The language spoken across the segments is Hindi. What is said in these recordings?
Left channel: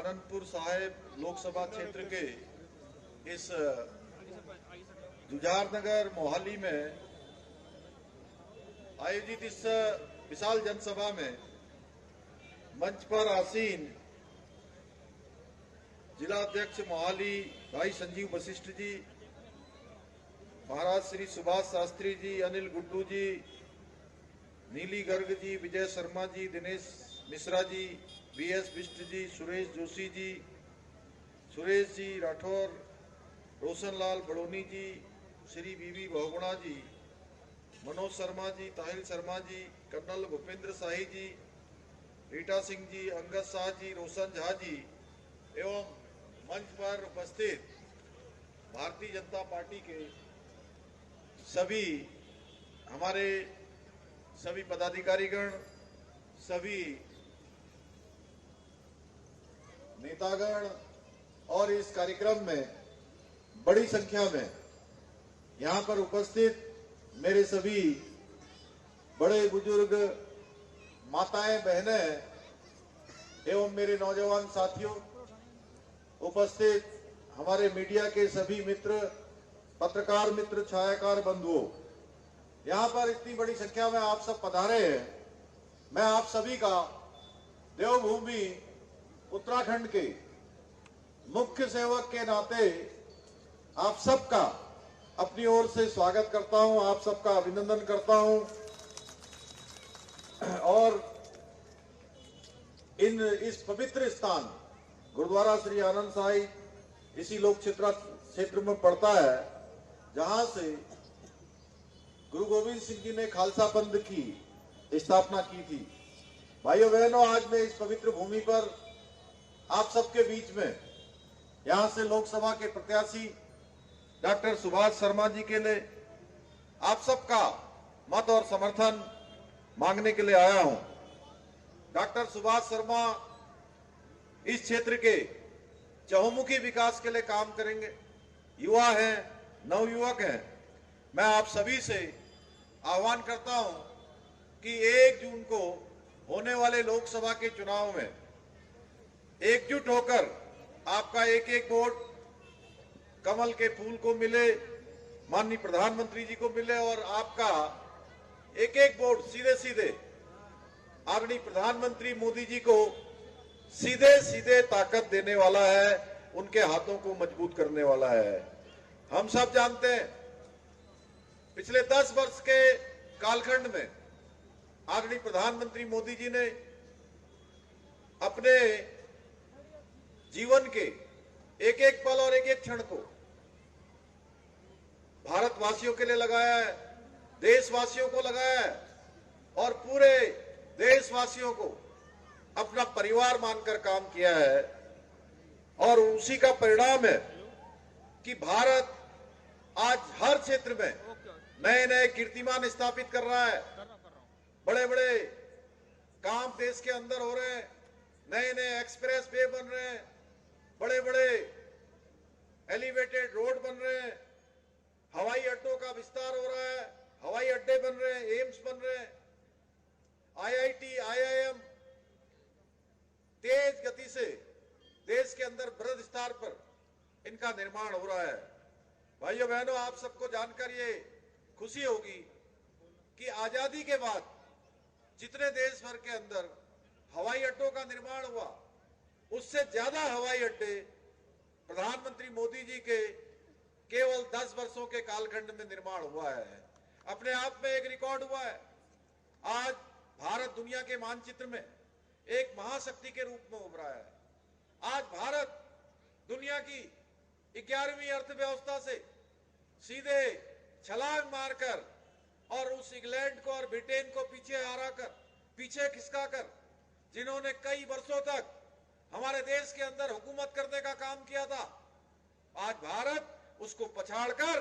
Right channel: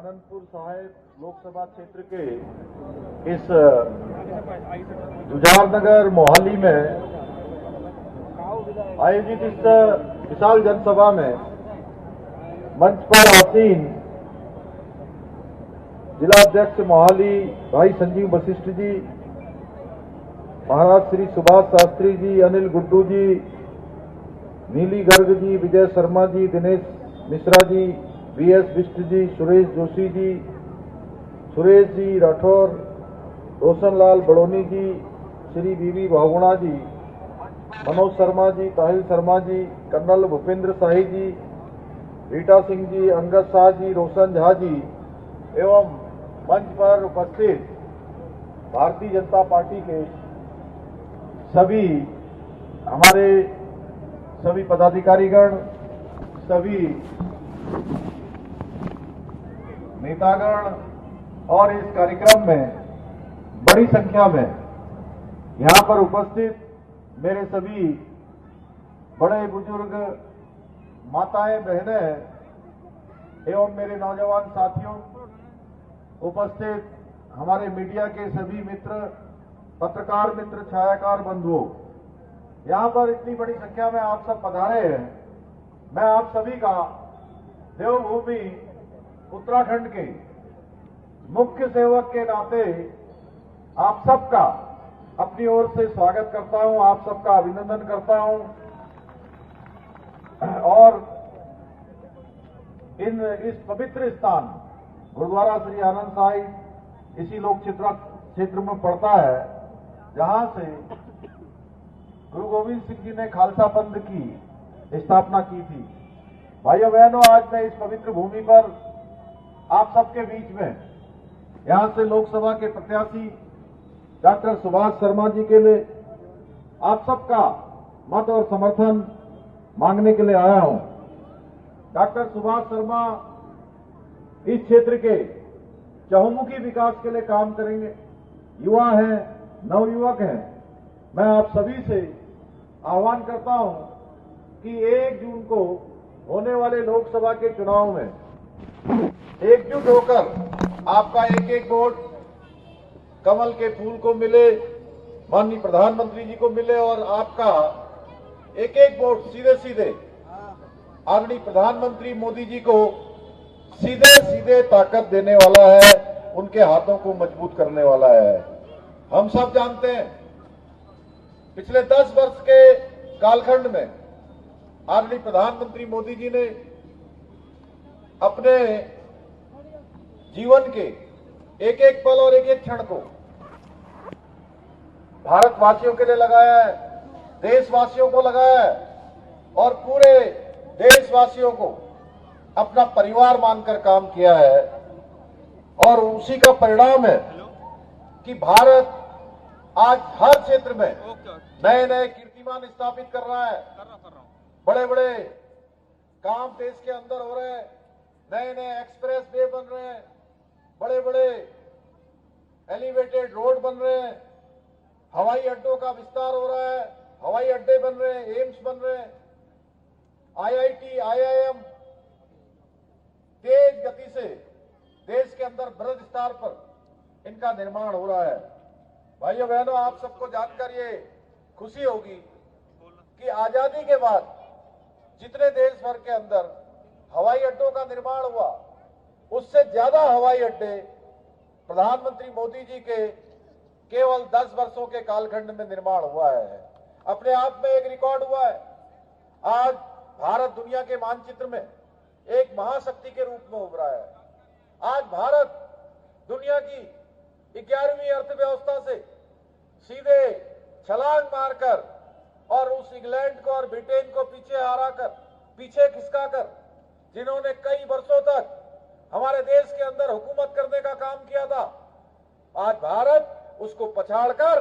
आनंदपुर साहिब लोकसभा क्षेत्र के इस जुझारनगर मोहाली में आयोजित इस विशाल जनसभा में मंच पर आसीन जिला अध्यक्ष मोहाली भाई संजीव वशिष्ठ जी, महाराज श्री सुभाष शास्त्री जी, अनिल गुड्डू जी, नीली गर्ग जी, विजय शर्मा जी, दिनेश मिश्रा जी, वीएस बिष्ट जी, सुरेश जोशी जी, सुरेश जी राठौर, रोशन लाल बड़ोनी जी, श्री बीवी बहुगुणा जी, मनोज शर्मा जी, ताहिल शर्मा जी, कर्नल भूपेंद्र शाही जी, रीटा सिंह जी, अंगद शाह जी, रोशन झा जी एवं मंच पर उपस्थित भारतीय जनता पार्टी के सभी हमारे सभी पदाधिकारीगण, सभी नेतागण और इस कार्यक्रम में बड़ी संख्या में यहाँ पर उपस्थित मेरे सभी बड़े बुजुर्ग, माताएं, बहनें एवं मेरे नौजवान साथियों, उपस्थित हमारे मीडिया के सभी मित्र, पत्रकार मित्र, छायाकार बंधुओं, यहाँ पर इतनी बड़ी संख्या में आप सब पधारे हैं। मैं आप सभी का देवभूमि उत्तराखंड के मुख्य सेवक के नाते आप सबका अपनी ओर से स्वागत करता हूं, आप सबका अभिनंदन करता हूं और इस पवित्र स्थान गुरुद्वारा श्री आनंद साहिब इसी लोक क्षेत्र में पड़ता है, जहां से गुरु गोविंद सिंह जी ने खालसा पंथ की स्थापना की थी। भाइयों बहनों, आज मैं इस पवित्र भूमि पर आप सबके बीच में यहां से लोकसभा के प्रत्याशी डॉक्टर सुभाष शर्मा जी के लिए आप सबका मत और समर्थन मांगने के लिए आया हूं। डॉक्टर सुभाष शर्मा इस क्षेत्र के चहुमुखी विकास के लिए काम करेंगे। युवा हैं, नवयुवक हैं। मैं आप सभी से आह्वान करता हूं कि 1 जून को होने वाले लोकसभा के चुनाव में एकजुट होकर आपका एक एक वोट कमल के फूल को मिले, माननीय प्रधानमंत्री जी को मिले और आपका एक एक वोट सीधे सीधे आदरणीय प्रधानमंत्री मोदी जी को सीधे सीधे ताकत देने वाला है, उनके हाथों को मजबूत करने वाला है। हम सब जानते हैं पिछले 10 वर्ष के कालखंड में आदरणीय प्रधानमंत्री मोदी जी ने अपने जीवन के एक एक पल और एक एक क्षण को भारतवासियों के लिए लगाया है, देशवासियों को लगाया है और पूरे देशवासियों को अपना परिवार मानकर काम किया है। और उसी का परिणाम है कि भारत आज हर क्षेत्र में नए नए कीर्तिमान स्थापित कर रहा है। बड़े बड़े काम देश के अंदर हो रहे हैं, नए नए एक्सप्रेस वे बन रहे हैं, बड़े बड़े एलिवेटेड रोड बन रहे हैं, हवाई अड्डों का विस्तार हो रहा है, हवाई अड्डे बन रहे हैं, एम्स बन रहे हैं, आईआईटी, आईआईएम तेज गति से देश के अंदर बृहद स्तर पर इनका निर्माण हो रहा है। भाइयों बहनों, आप सबको जानकर ये खुशी होगी कि आजादी के बाद जितने देश भर के अंदर हवाई अड्डों का निर्माण हुआ, उससे ज्यादा हवाई अड्डे प्रधानमंत्री मोदी जी के केवल 10 वर्षों के कालखंड में निर्माण हुआ है। अपने आप में एक रिकॉर्ड हुआ है। आज भारत दुनिया के मानचित्र में एक महाशक्ति के रूप में उभरा है। आज भारत दुनिया की 11वीं अर्थव्यवस्था से सीधे छलांग मारकर और उस इंग्लैंड को और ब्रिटेन को पीछे खिसकाकर, जिन्होंने कई वर्षों तक हमारे देश के अंदर हुकूमत करने का काम किया था, आज भारत उसको पछाड़कर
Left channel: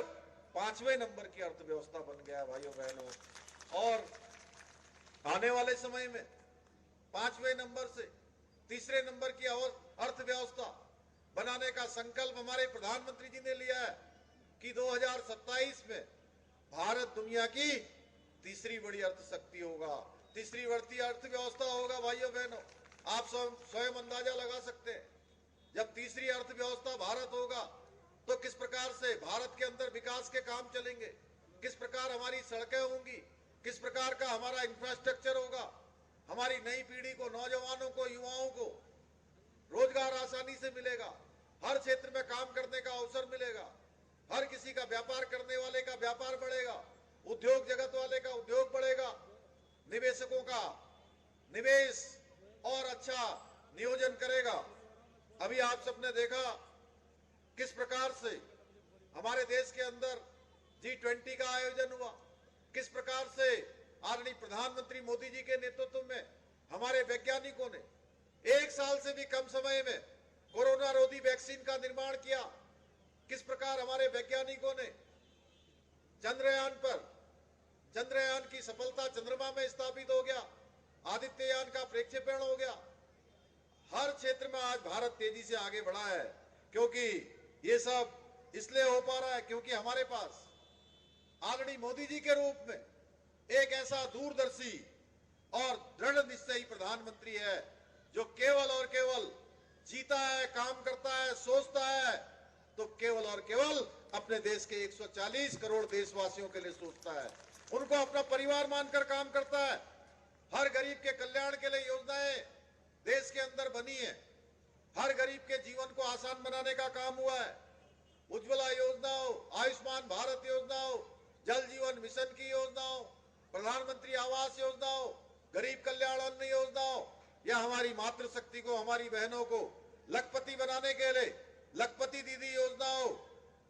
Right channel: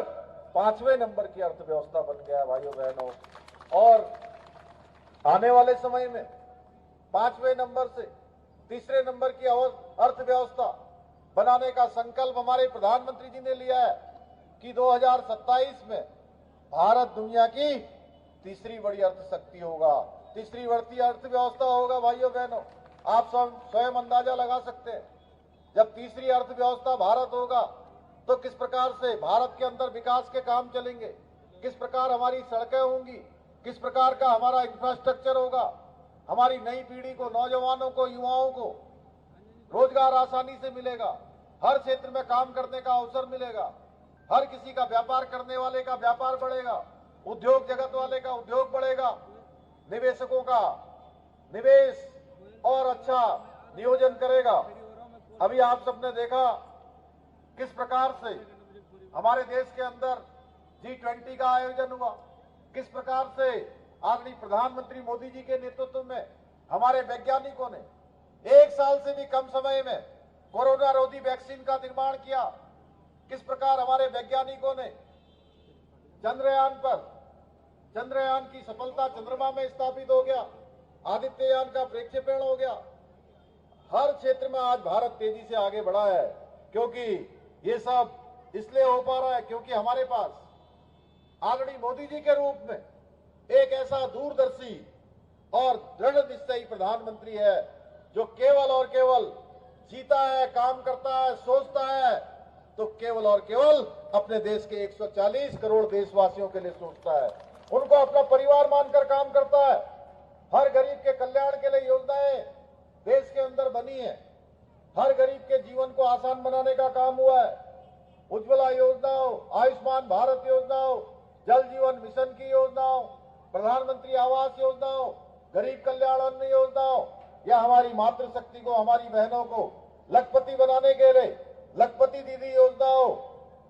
5वें नंबर की अर्थव्यवस्था बन गया। भाइयों बहनों, और आने वाले समय में 5वें नंबर से 3रे नंबर की अर्थव्यवस्था बनाने का संकल्प हमारे प्रधानमंत्री जी ने लिया है कि 2027 में भारत दुनिया की तीसरी बड़ी अर्थशक्ति होगा, तीसरी बढ़ती अर्थव्यवस्था होगा। भाइयों बहनों, आप स्वयं अंदाजा लगा सकते हैं जब तीसरी अर्थव्यवस्था भारत होगा तो किस प्रकार से भारत के अंदर विकास के काम चलेंगे, किस प्रकार हमारी सड़कें होंगी, किस प्रकार का हमारा इंफ्रास्ट्रक्चर होगा, हमारी नई पीढ़ी को, नौजवानों को, युवाओं को रोजगार आसानी से मिलेगा, हर क्षेत्र में काम करने का अवसर मिलेगा, हर किसी का व्यापार करने वाले का व्यापार बढ़ेगा, उद्योग जगत वाले का उद्योग बढ़ेगा, निवेशकों का निवेश और अच्छा नियोजन करेगा। अभी आप सबने देखा किस प्रकार से हमारे देश के अंदर G20 का आयोजन हुआ, किस प्रकार से आदरणीय प्रधानमंत्री मोदी जी के नेतृत्व में हमारे वैज्ञानिकों ने 1 साल से भी कम समय में कोरोना रोधी वैक्सीन का निर्माण किया, किस प्रकार हमारे वैज्ञानिकों ने चंद्रयान की सफलता चंद्रमा में स्थापित हो गया, आदित्ययान का प्रक्षेपण हो गया। हर क्षेत्र में आज भारत तेजी से आगे बढ़ा है, क्योंकि ये सब इसलिए हो पा रहा है क्योंकि हमारे पास आदरणीय मोदी जी के रूप में एक ऐसा दूरदर्शी और दृढ़ निश्चयी प्रधानमंत्री है जो केवल और केवल जीता है, काम करता है, सोचता है तो केवल और केवल अपने देश के 140 करोड़ देशवासियों के लिए सोचता है, उनको अपना परिवार मानकर काम करता है। हर गरीब के कल्याण के लिए योजनाएं देश के अंदर बनी है, हर गरीब के जीवन को आसान बनाने का काम हुआ है। उज्ज्वला योजना हो, आयुष्मान भारत योजना हो, जल जीवन मिशन की योजना हो, प्रधानमंत्री आवास योजना हो, गरीब कल्याण अन्न योजना हो, या हमारी मातृशक्ति को, हमारी बहनों को लखपति बनाने के लिए लखपति दीदी योजना हो,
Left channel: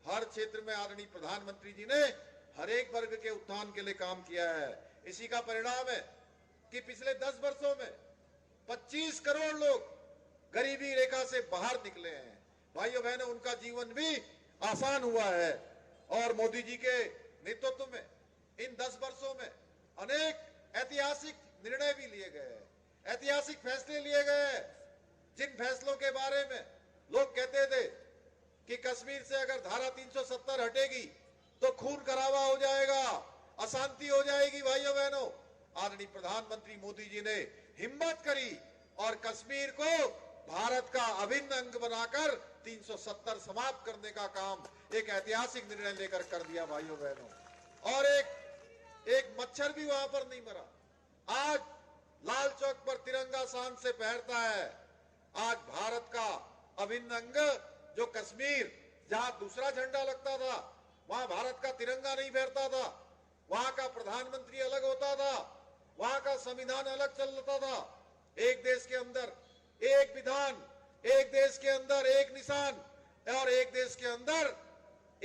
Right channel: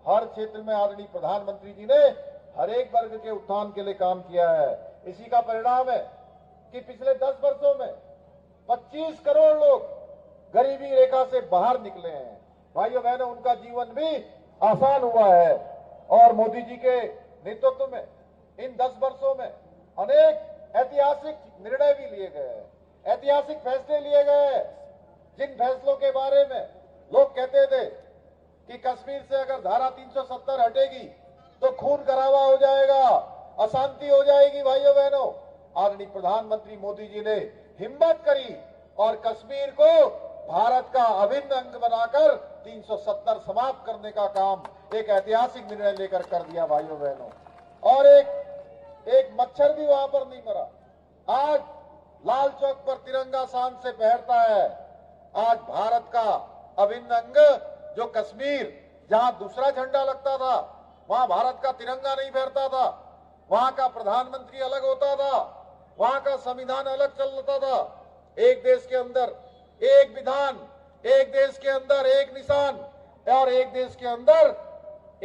हर क्षेत्र में आदरणीय प्रधानमंत्री जी ने हर एक वर्ग के उत्थान के लिए काम किया है। इसी का परिणाम है कि पिछले 10 वर्षों में 25 करोड़ लोग गरीबी रेखा से बाहर निकले हैं। भाइयों बहनों, उनका जीवन भी आसान हुआ है और मोदी जी के नेतृत्व में इन 10 वर्षों में अनेक ऐतिहासिक निर्णय भी लिए गए हैं, ऐतिहासिक फैसले लिए गए हैं, जिन फैसलों के बारे में लोग कहते थे कि कश्मीर से अगर धारा 370 हटेगी तो खून खराबा हो जाएगा, अशांति हो जाएगी। भाइयों बहनों, आदरणीय प्रधानमंत्री मोदी जी ने हिम्मत करी और कश्मीर को भारत का अभिन्न अंग बनाकर 370 समाप्त करने का काम एक ऐतिहासिक निर्णय लेकर कर दिया। भाइयों बहनों, और एक मच्छर भी वहां पर नहीं मरा। आज लाल चौक पर तिरंगा शान से फहरता है। आज भारत का अभिन्न अंग जो कश्मीर, जहां दूसरा झंडा लगता था, वहां भारत का तिरंगा नहीं फहरता था, वहां का प्रधानमंत्री अलग होता था, वहां का संविधान अलग चलता था। एक देश के अंदर एक विधान, एक देश के अंदर एक निशान और एक देश के अंदर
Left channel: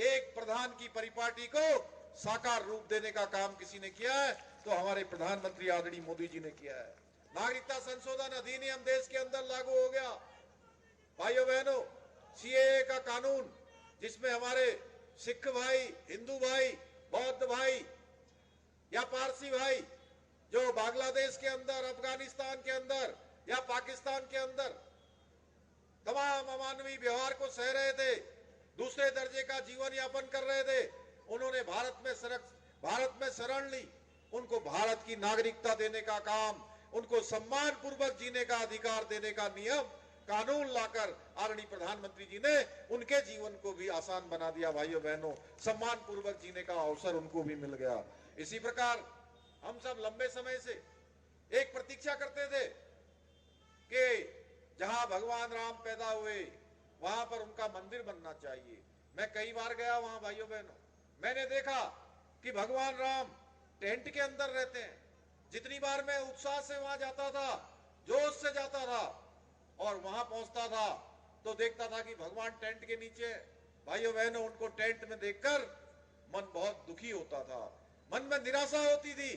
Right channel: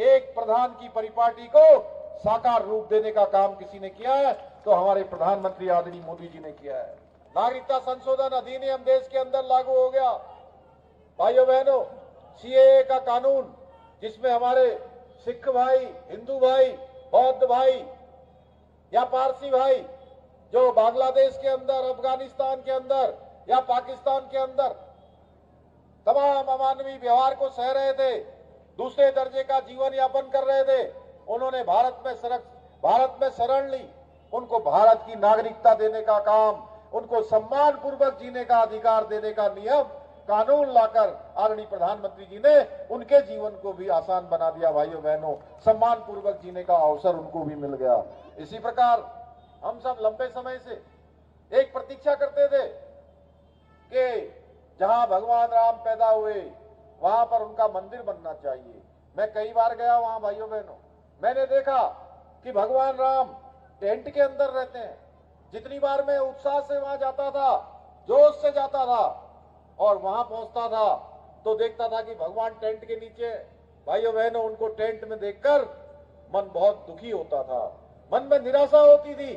एक प्रधान की परिपाटी को साकार रूप देने का काम किसी ने किया है तो हमारे प्रधानमंत्री आदरणीय मोदी जी ने किया है। नागरिकता संशोधन अधिनियम देश के अंदर लागू हो गया। भाइयों बहनों, सीएए का कानून, जिसमें हमारे सिख भाई, हिंदू भाई, बौद्ध भाई या पारसी भाई जो बांग्लादेश के अंदर, अफगानिस्तान के अंदर या पाकिस्तान के अंदर तमाम अमानवीय व्यवहार को सह रहे थे, दूसरे दर्जे का जीवन यापन कर रहे थे, उन्होंने भारत में शरण ली। उनको भारत की नागरिकता देने का काम, उनको सम्मान पूर्वक जीने का अधिकार देने का नियम, कानून लाकर आदरणीय प्रधानमंत्री जी ने उनके जीवन को भी आसान बना दिया। भाइयों बहनों, सम्मान पूर्वक जीने का अवसर उनको भी मिल गया। इसी प्रकार हम सब लंबे समय से एक प्रतीक्षा करते थे कि जहां भगवान राम पैदा हुए वहां पर उनका मंदिर बनना चाहिए। मैं कई बार गया वहां। भाइयों बहनों, मैंने देखा कि भगवान राम टेंट के अंदर रहते हैं। जितनी बार मैं उत्साह से वहां जाता था, जोश से जाता था और वहां पहुंचता था तो देखता था कि भगवान टेंट के नीचे। भाइयों बहनों, उनको टेंट में देखकर मन बहुत दुखी होता था, मन में निराशा होती थी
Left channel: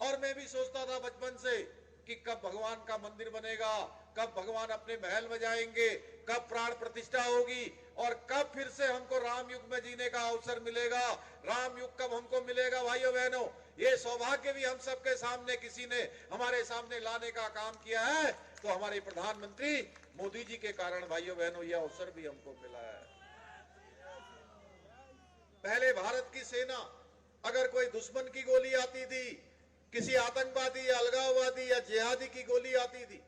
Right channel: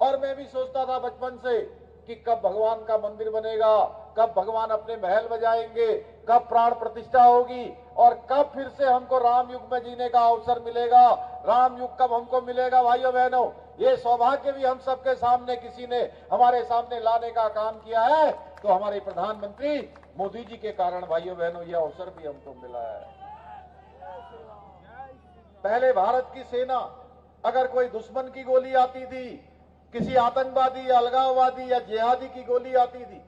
और मैं भी सोचता था बचपन से कि कब भगवान का मंदिर बनेगा, कब भगवान अपने महल बजाएंगे, कब प्राण प्रतिष्ठा होगी और कब फिर से हमको राम युग में जीने का अवसर मिलेगा, राम युग कब हमको मिलेगा। भाइयों बहनों, ये सौभाग्य भी हम सबके सामने किसी ने हमारे सामने लाने का काम किया है तो हमारे प्रधानमंत्री मोदी जी के कारण भाइयों बहनों ये अवसर भी हमको मिला है। पहले भारत की सेना अगर कोई दुश्मन की गोली आती थी, किसी आतंकवादी या अलगाववादी या जिहादी की गोली आती थी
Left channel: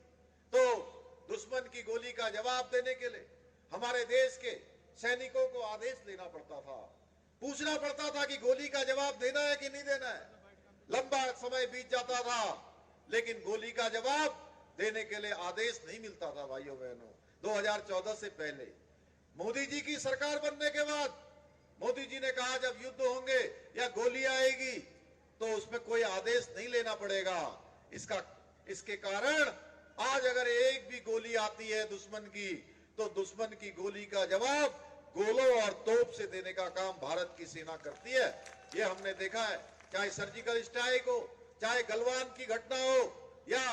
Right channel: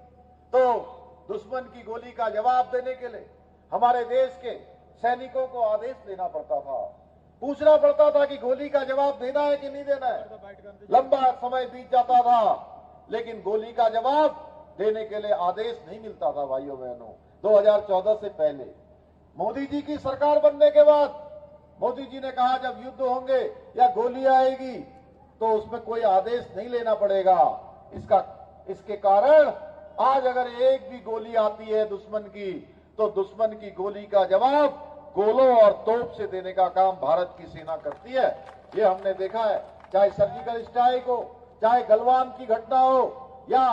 तो दुश्मन की गोली का जवाब देने के लिए हमारे देश के सैनिकों को आदेश देना पड़ता था, पूछना पड़ता था कि गोली का जवाब देना है कि नहीं देना है। लंबा समय बीत जाता था, लेकिन गोली का जवाब देने के लिए आदेश नहीं मिलता था। भाइयों बहनों, 2014 से पहले मोदी जी की सरकार बनने के बाद मोदी जी ने कहा जब युद्ध होंगे या गोली आएगी तो उसमें कोई आदेश नहीं लेना पड़ेगा। इसके कारण आज अगर एक भी गोली आती है दुश्मन की, तो दुश्मन की गोली का जवाब गोलों और तोप से देने का काम भारत की सेना करती है। ये हमने देखा है, चाहे सर्जिकल स्ट्राइक हो, चाहे गलवान की घटना हो या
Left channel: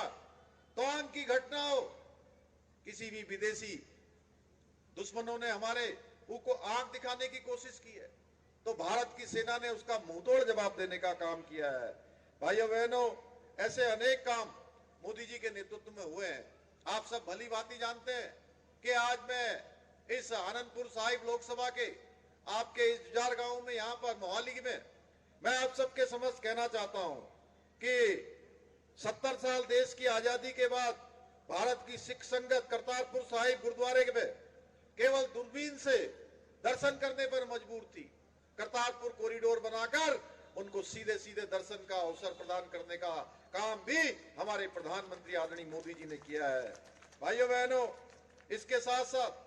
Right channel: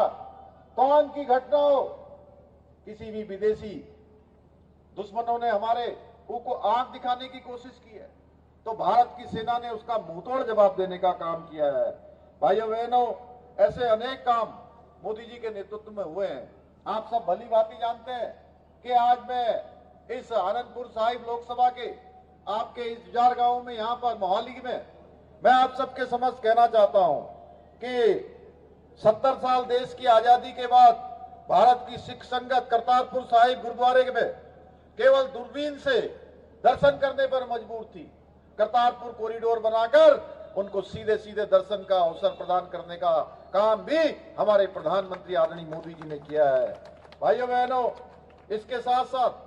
तवांग की घटना हो, किसी भी विदेशी दुश्मनों ने हमारे को आंख दिखाने की कोशिश की है तो भारत की सेना ने उसका मुंहतोड़ जवाब देने का काम किया है। भाइयों बहनों, ऐसे अनेक काम मोदी जी के नेतृत्व में हुए हैं। आप सब भली भांति जानते हैं कि आज मैं इस आनंदपुर साहिब लोकसभा के आपके इस जुजार गांव में, यहां पर मोहाली में, मैं आप सबके समक्ष कहना चाहता हूं कि 70 साल देश की आजादी के बाद भारत की सिख संगत करतारपुर साहिब गुरुद्वारे में केवल दूरबीन से दर्शन करने पर मजबूर थी। करतारपुर कॉरिडोर बनाकर उनको सीधे सीधे दर्शन का अवसर प्रदान करने का काम भी हमारे प्रधानमंत्री आदरणीय मोदी जी ने किया है। भाइयों बहनों, इसके साथ साथ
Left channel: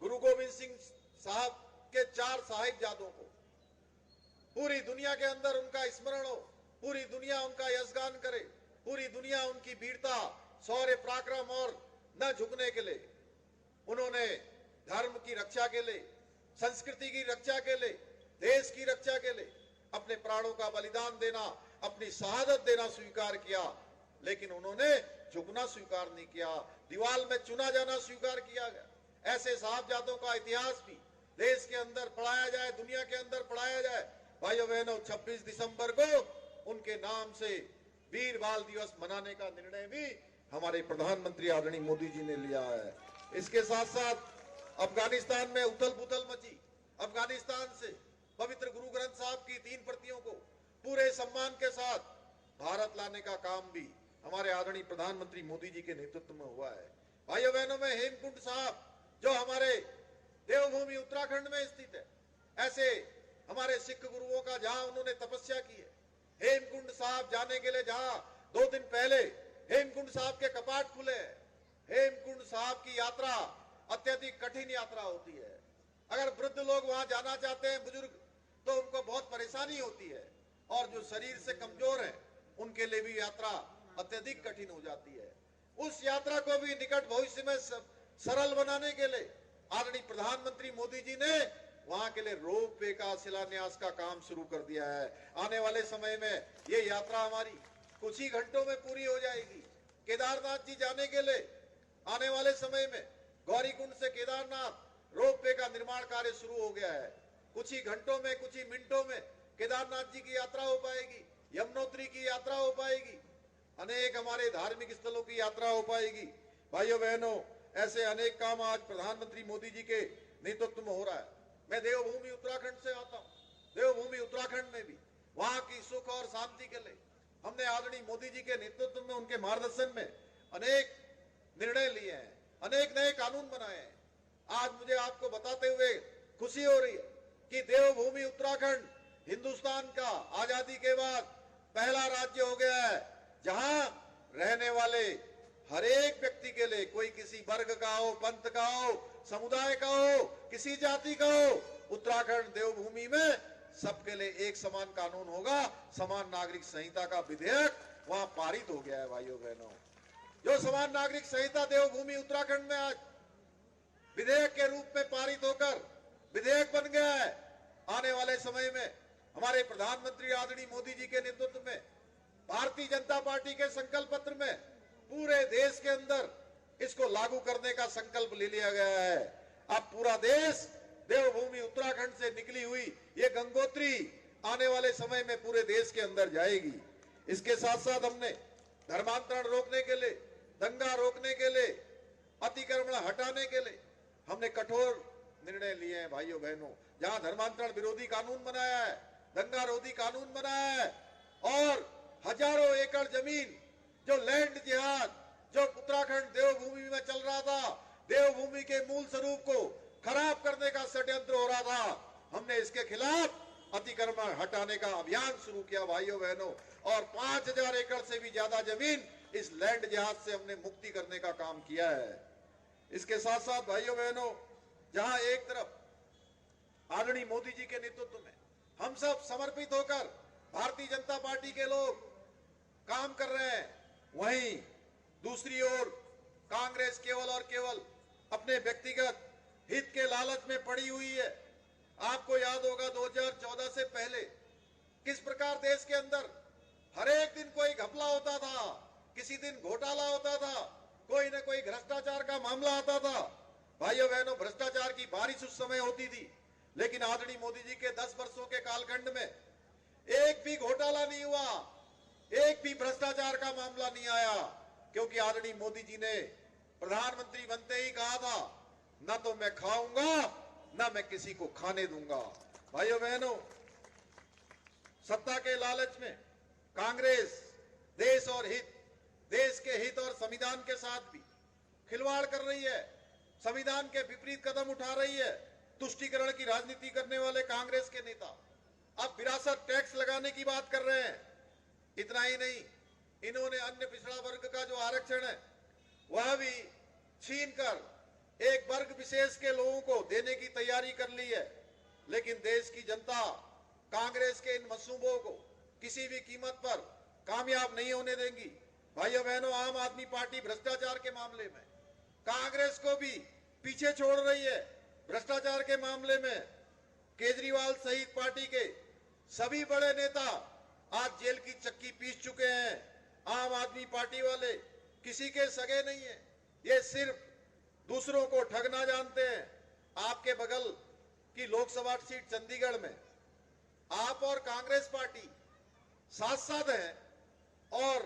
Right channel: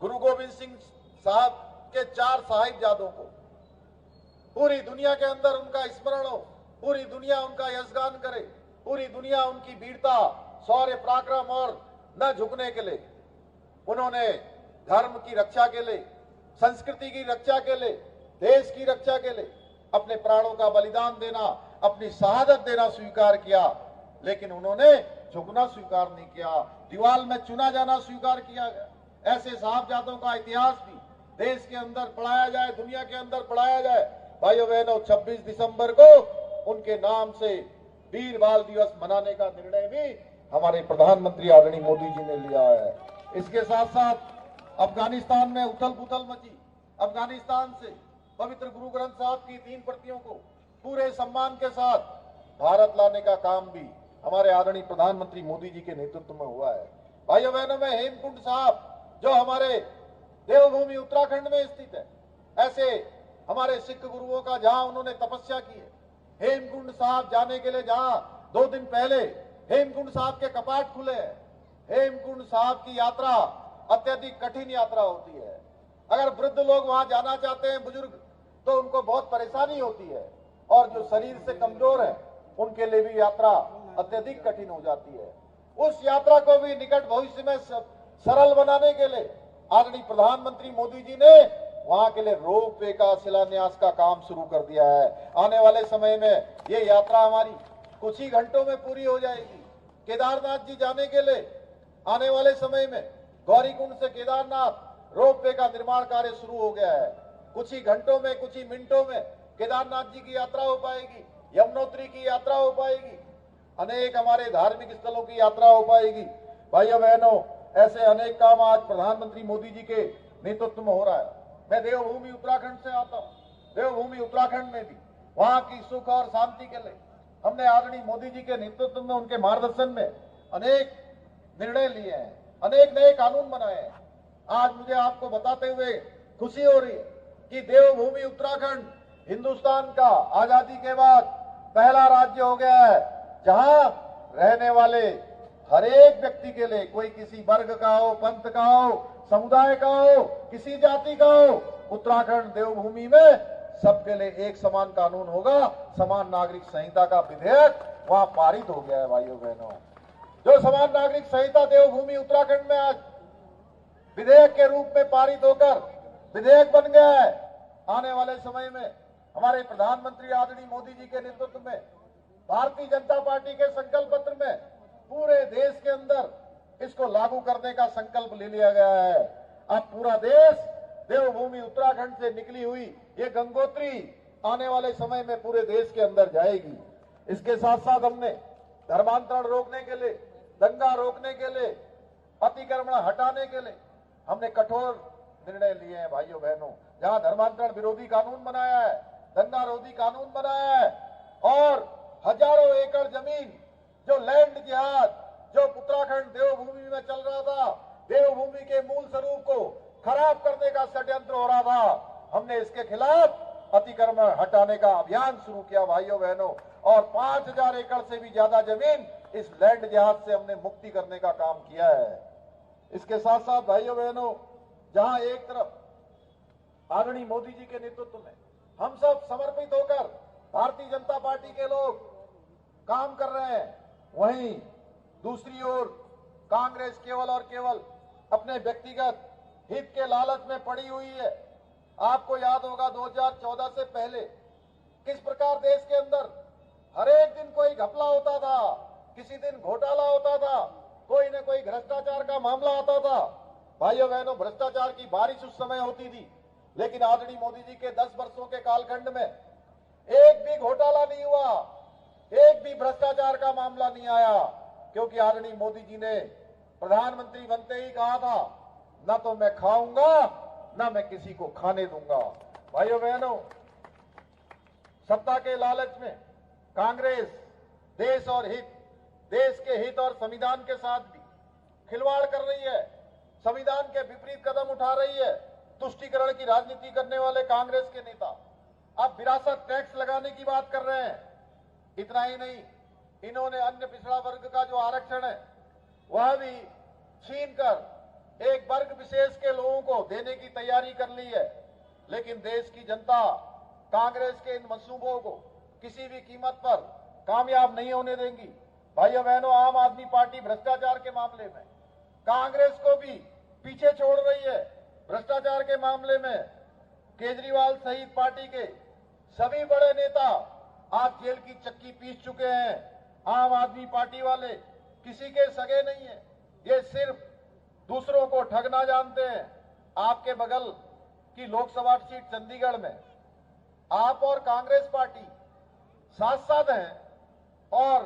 गुरु गोविंद सिंह साहब के 4 साहिबजादों को पूरी दुनिया के अंदर उनका स्मरण हो, पूरी दुनिया उनका यशगान करे, पूरी दुनिया उनकी वीरता, शौर्य, पराक्रम और न झुकने के लिए, उन्होंने धर्म की रक्षा के लिए, संस्कृति की रक्षा के लिए, देश की रक्षा के लिए अपने प्राणों का बलिदान देना, अपनी शहादत देना स्वीकार किया, लेकिन उन्होंने झुकना स्वीकार नहीं किया, दीवार में चुना जाना स्वीकार किया गया। ऐसे साहबजादों का इतिहास भी देश के अंदर पढ़ाया जाए, दुनिया के अंदर पढ़ाया जाए। भाइयों बहनों, 26 दिसंबर को उनके नाम से वीर बाल दिवस मनाने का निर्णय भी हमारे प्रधानमंत्री आदरणीय मोदी जी ने लिया है। इसके साथ साथ अफगानिस्तान में उथल पुथल मची, अफगानिस्तान से पवित्र गुरु ग्रंथ साहब की 3 प्रतियों को पूरे सम्मान के साथ भारत लाने का काम भी हमारे आदरणीय प्रधानमंत्री मोदी जी के नेतृत्व में हुआ है। भाइयों बहनों, में हेमकुंड साहब जो हमारे देवभूमि उत्तराखंड में स्थित है, ऐसे हमारे सिख गुरुओं का जहां उन्होंने तपस्या की है, हेमकुंड साहब जाने के लिए जहां 2 दिन पहले हेमकुंड साहब के कपाट खुले हैं। हेमकुंड साहब की यात्रा अत्यधिक कठिन यात्रा होती है। अगर वृद्ध लोग वहां जाना चाहते हैं, बुजुर्ग, तो उनको बहुत परेशानी होती है, और जो शरीर से कमजोर है उनके लिए भी यात्रा अत्यधिक कठिन हो जाती है। उस यात्रा को भी निकट भविष्य में सरल बनाने के लिए आदरणीय प्रधानमंत्री मोदी जी ने वहां के लिए रोपवे का शिलान्यास का काम शुरू कर दिया है। आने वाले समय में ये यात्रा हमारी कुछ ही घंटों में पूरी हो जाएगी। केदारनाथ जी जाने के लिए आने वाले समय में गौरीकुंड से केदारनाथ रोपवे का निर्माण कार्य शुरू हो गया है। कुछ ही घंटों में, कुछ ही मिनटों में केदारनाथ जी की यात्रा हो पाएगी, यमुनोत्री की यात्रा हो पाएगी, अनेक हमारे धार्मिक स्थलों की यात्रा हो पाएगी। भाइयों बहनों, ऐसे अनेक काम आज प्रधानमंत्री मोदी जी के नेतृत्व में हो रहा है। मैं देवभूमि उत्तराखंड से आता हूँ। देवभूमि उत्तराखंड में भी वहां की सुख और शांति के लिए हमने आदरणीय मोदी जी के नेतृत्व में, उनके मार्गदर्शन में अनेक निर्णय लिए हैं, अनेक नए कानून बनाए हैं। आज मुझे आपको बताते हुए खुशी हो रही है कि देवभूमि उत्तराखंड हिंदुस्तान का आजादी के बाद पहला राज्य हो गया है जहां रहने वाले हर एक व्यक्ति के लिए, कोई किसी वर्ग का हो, पंथ का हो, समुदाय का हो, किसी जाति का हो, उत्तराखंड देवभूमि में सबके लिए एक समान कानून होगा। समान नागरिक संहिता का विधेयक वहां पारित हो गया है। भाइयों बहनों, जो समान नागरिक संहिता देवभूमि उत्तराखंड में आज विधेयक के रूप में पारित होकर विधेयक बन गया है, आने वाले समय में हमारे प्रधानमंत्री आदरणीय मोदी जी के नेतृत्व में भारतीय जनता पार्टी के संकल्प पत्र में पूरे देश के अंदर इसको लागू करने का संकल्प ले लिया गया है। अब पूरा देश देवभूमि उत्तराखंड से निकली हुई ये गंगोत्री आने वाले समय में पूरे देश के अंदर जाएगी। इसके साथ साथ हमने धर्मांतरण रोकने के लिए, दंगा रोकने के लिए, अतिक्रमण हटाने के लिए हमने कठोर निर्णय लिए हैं। भाइयों बहनों, जहां धर्मांतरण विरोधी कानून बनाया है, दंगा रोधी कानून बनाया है, और हजारों एकड़ जमीन जो लैंड जिहाद जो उत्तराखंड देवभूमि में चल रहा था, देवभूमि भूमि के मूल स्वरूप को खराब करने का षड्यंत्र हो रहा था। हमने इसके खिलाफ अतिक्रमण हटाने का अभियान शुरू किया भाइयों बहनों, और 5000 एकड़ से भी ज्यादा जमीन इस लैंड जिहाद से हमने मुक्ति करने का काम किया है। इसके साथ साथ भाइयों बहनों, जहां एक तरफ आदरणीय मोदी जी के नेतृत्व में हम सब समर्पित होकर भारतीय जनता पार्टी के लोग काम कर रहे हैं, वहीं दूसरी ओर कांग्रेस केवल और केवल अपने व्यक्तिगत हित के लालच में पड़ी हुई है। आपको याद होगा 2014 से पहले किस प्रकार देश के अंदर हर एक दिन कोई घपला होता था, किसी दिन घोटाला होता था, कोई न कोई भ्रष्टाचार का मामला आता था। भाइयों बहनों, भ्रष्टाचार की बारिश उस समय होती थी, लेकिन आदरणीय मोदी जी के 10 वर्षों के कालखंड में एक भी घोटाला नहीं हुआ, एक भी भ्रष्टाचार का मामला नहीं आया, क्योंकि आदरणीय मोदी जी ने प्रधानमंत्री बनते ही कहा था, ना तो मैं खाऊंगा ना मैं किसी को खाने दूंगा। भाइयों बहनों, सत्ता के लालच में कांग्रेस देश और देश के हित और संविधान के साथ भी खिलवाड़ कर रही है, संविधान के विपरीत कदम उठा रही है। तुष्टीकरण की राजनीति करने वाले कांग्रेस के नेता अब विरासत टैक्स लगाने की बात कर रहे हैं। इतना ही नहीं, इन्होंने अन्य पिछड़ा वर्ग का जो आरक्षण है वह भी छीनकर एक वर्ग विशेष के लोगों को देने की तैयारी कर ली है। लेकिन देश की जनता कांग्रेस के इन मंसूबों को किसी भी कीमत पर कामयाब नहीं होने देंगी। भाइयों बहनों, आम आदमी पार्टी भ्रष्टाचार के मामले में कांग्रेस को भी पीछे छोड़ रही है। भ्रष्टाचार के मामले में केजरीवाल सहित पार्टी के सभी बड़े नेता आज जेल की चक्की पीस चुके हैं। आम आदमी पार्टी वाले किसी के सगे नहीं है, ये सिर्फ दूसरों को ठगना जानते हैं। आपके बगल की लोकसभा सीट चंडीगढ़ में आप और कांग्रेस पार्टी साथ साथ हैं और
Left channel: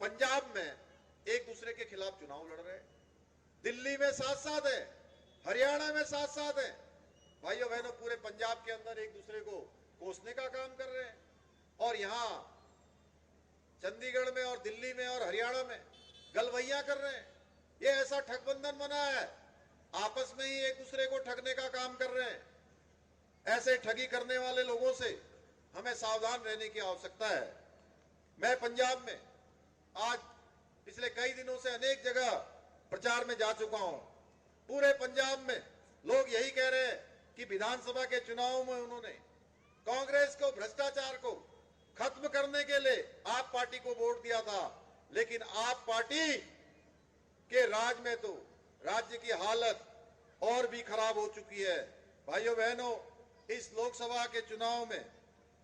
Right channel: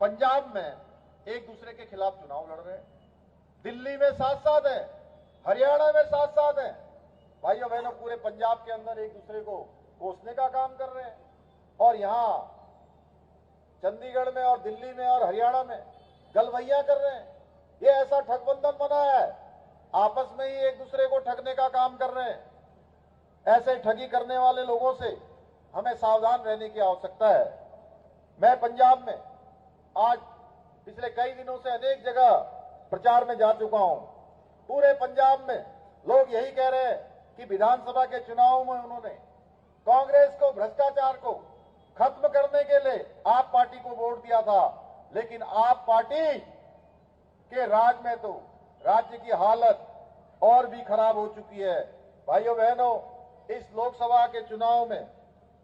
पंजाब में एक दूसरे के खिलाफ चुनाव लड़ रहे हैं, दिल्ली में साथ साथ है, हरियाणा में साथ साथ है। भाइयों बहनों, पूरे पंजाब के अंदर एक दूसरे को कोसने का काम कर रहे हैं, और यहां चंडीगढ़ में और दिल्ली में और हरियाणा में गलवैया कर रहे हैं। ये ऐसा ठगबंधन बना है, आपस में ही एक दूसरे को ठगने का काम कर रहे हैं। ऐसे ठगी करने वाले लोगों से हमें सावधान रहने की आवश्यकता है। मैं पंजाब में आज पिछले कई दिनों से अनेक जगह प्रचार में जा चुका हूं। पूरे पंजाब में लोग यही कह रहे हैं कि विधानसभा के चुनाव में उन्होंने कांग्रेस को, भ्रष्टाचार को खत्म करने के लिए आप पार्टी को वोट दिया था, लेकिन आप पार्टी के राज में तो राज्य की हालत और भी खराब हो चुकी है। भाइयों बहनों, इस लोकसभा के चुनाव में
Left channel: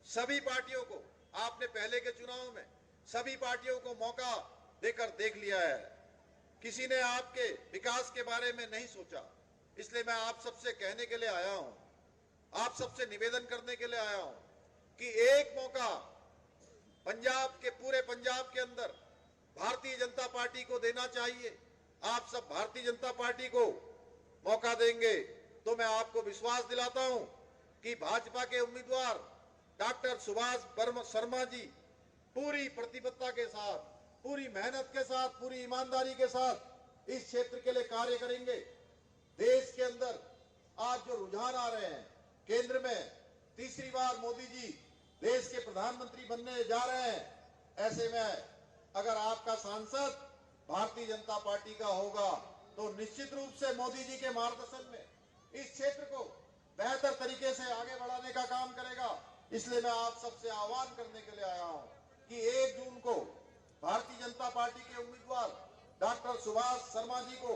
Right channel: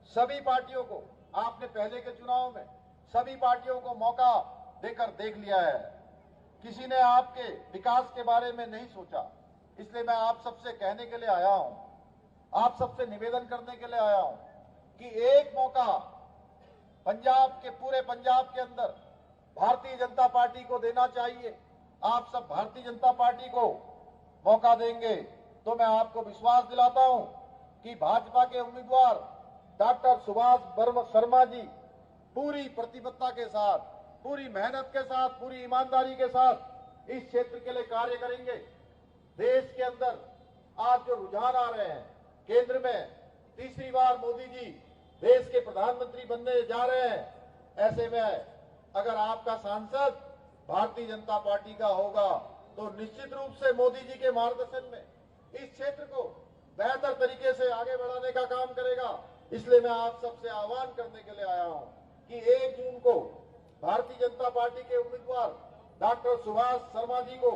सभी पार्टियों को, आपने पहले के चुनाव में सभी पार्टियों को मौका देकर देख लिया है। किसी ने आपके विकास के बारे में नहीं सोचा। इसलिए मैं आप सबसे कहने के लिए आया हूं, आप सबसे निवेदन करने के लिए आया हूं कि एक मौका पंजाब के, पूरे पंजाब के अंदर भारतीय जनता पार्टी को देना चाहिए। आप सब भारतीय जनता पार्टी को मौका देंगे तो मैं आपको विश्वास दिलाता हूं कि भाजपा के उम्मीदवार डॉक्टर सुभाष शर्मा जी पूरी प्रतिबद्धता के साथ, पूरी मेहनत के साथ, पूरी ईमानदारी के साथ इस क्षेत्र के लिए कार्य करेंगे। देश के अंदर आज जो रुझान आ रहे हैं, केंद्र में तीसरी बार मोदी जी देश के प्रधानमंत्री बनने जा रहे हैं, ऐसे में अगर आपका सांसद भारतीय जनता पार्टी का होगा तो निश्चित रूप से मोदी जी के मार्गदर्शन में इस क्षेत्र को बेहतर तरीके से आगे बढ़ाने का काम करेगा। इसलिए मैं आप सबसे आह्वान करने के लिए आया हूं कि 1 जून को भारतीय जनता पार्टी के उम्मीदवार डॉक्टर सुभाष शर्मा जी को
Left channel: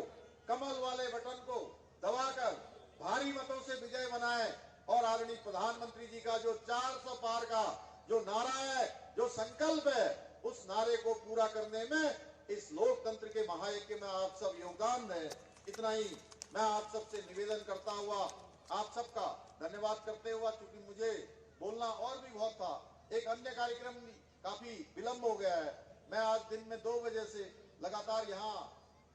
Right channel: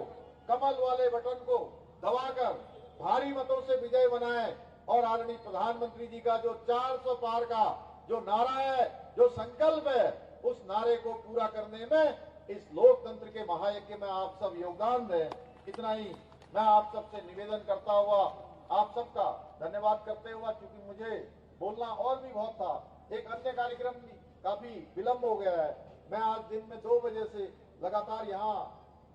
कमल वाले बटन को दबाकर भारी मतों से विजय बनाए और आदरणीय प्रधानमंत्री जी का जो 400 पार का जो नारा है, जो संकल्प है, उस नारे को पूरा करने में इस लोकतंत्र के महायज्ञ में आप सब योगदान दें। इतना ही मैं आप सबसे निवेदन करता हुआ, आप सबका धन्यवाद करते हुआ, क्योंकि मुझे बोलना और भी बहुत था, एक अन्य कार्यक्रम भी काफी विलंब हो गया है। मैं आज दिन में 2 बजे से लगातार यहाँ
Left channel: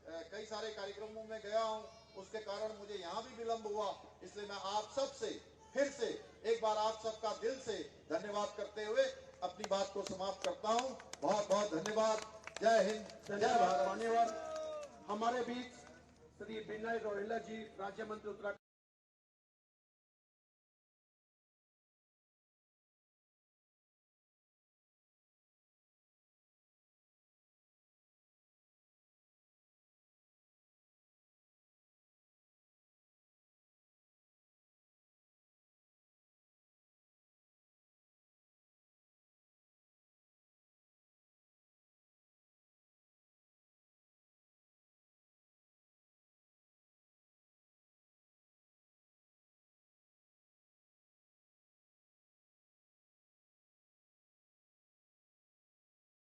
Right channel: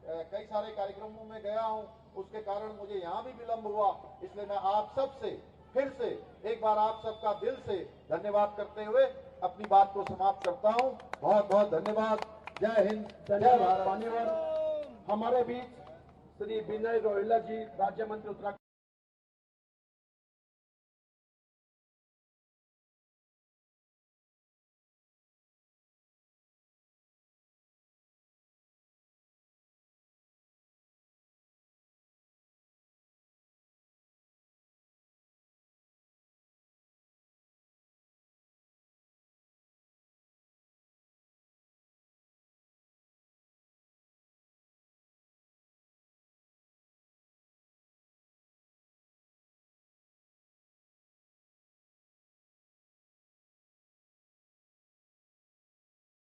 कई सारे कार्यक्रमों में गया हूँ, उसके कारण मुझे यहाँ भी विलंब हुआ। इसलिए मैं आप सबसे फिर से एक बार आप सबका दिल से धन्यवाद करते हुए अपनी बात को समाप्त करता हूँ। बहुत बहुत धन्यवाद। जय हिंद, जय भारत। हमारे बीच श्री विनय रोहिल्ला जी, राज्य मंत्री उत्तराखंड।